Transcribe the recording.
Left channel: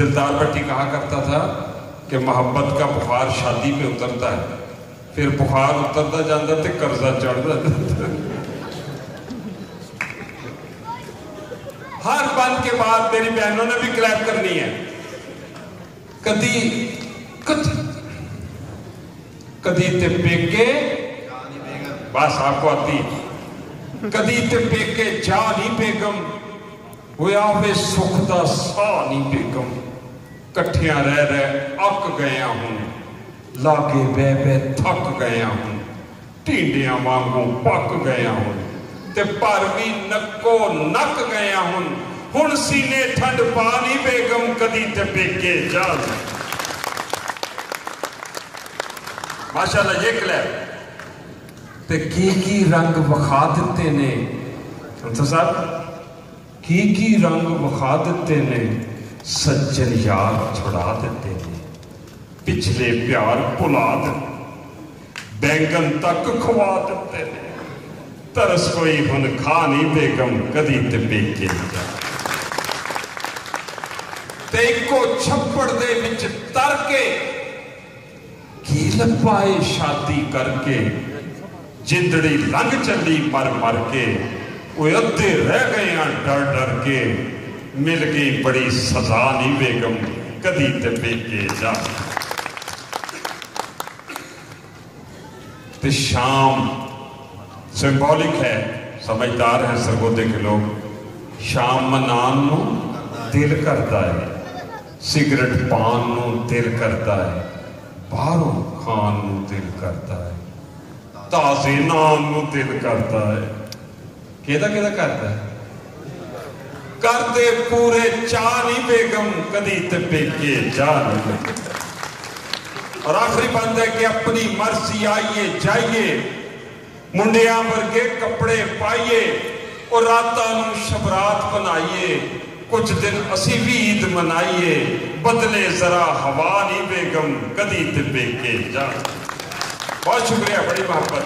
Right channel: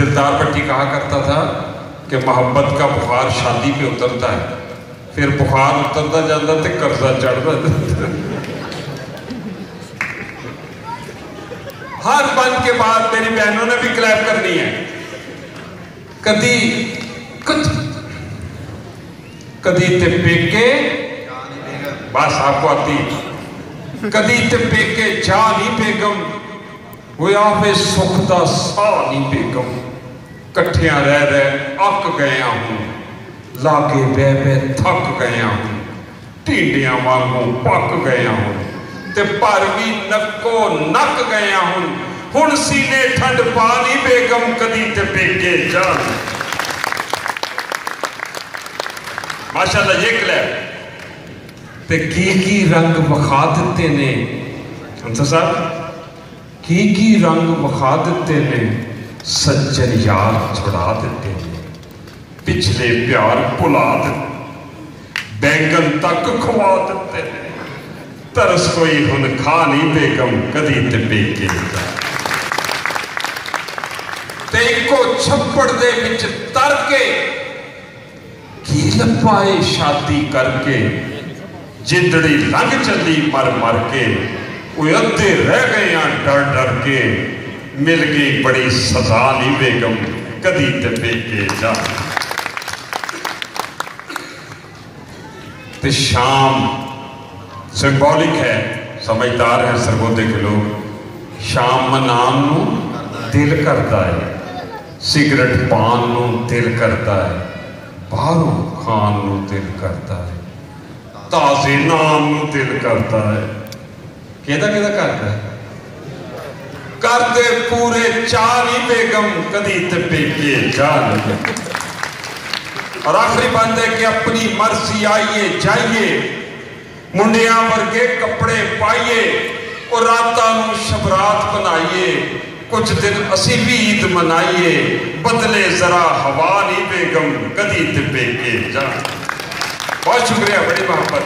दिलदार भट्टी कहा करता था कि मोहब्बत का बुखार शादी पे उतरता है, फिर बुखार उतरता जाता तो कर्जा चढ़ता जाता। हर बंद के बाद मेरी बहनों ने भी क्लैप करनी है। कदी कदी ते पेके बस आपको आती, कदी ते पेके जा नहीं बेगम, होया वे सुख दा सा नहीं बेगम, कट्ठिया रह रह अक गया हूं, लागे बह बह थक गया हूं, टींडिया वांगू पक गया हूं, ते पर भी नक्को नक गया हूं, हुण सीने ठंड पा नहीं बेगम, कदी ते पेके जा। माशाल्लाह ये क्लैप ते की रंग विखा दिते ने साहब, की रंग विखा दिते ने, सज्जन यार छुड़ा दिते ने, पिछले प्यार भुला दिते, बैंगन तक खवा दिते ने, तरस कोई हुन खा नहीं बेगम, कदी ते पेके जा। ते इको छप्पड़ दे विच तर के की लपाए शादी करके, जिंदड़ी लंघ चली मर मर के, वो अद्धे रह गए डर डर के, मिल गई बड़ी सजा नहीं बेगम, कदी ते पेके जा। ते शाम सिंबॉलिक है, समझदार है सरगोदे के लोग। शाम मनान नू दिल करता है, सिगरेट पान नू दिल करता है, बाहरों खान नू दिल करता है, ताजे नान नू दिल करता है। केदा केदा करता है? करते पूरे चार ही बेगम, कदी ते पेके जा लगे। और आखिरी बात है कि अपनी मर्जी आइए जाइए, मुंडिया वर्गे कपड़े पाइए, और रातां नू शबरात बनाइए, कुछ दिन असी भी ईद मनाइए, बदले जरा हवा नहीं बेगम, कदी ते पेके जा। बहुत शुक्रिया, बड़ी मोहब्बत।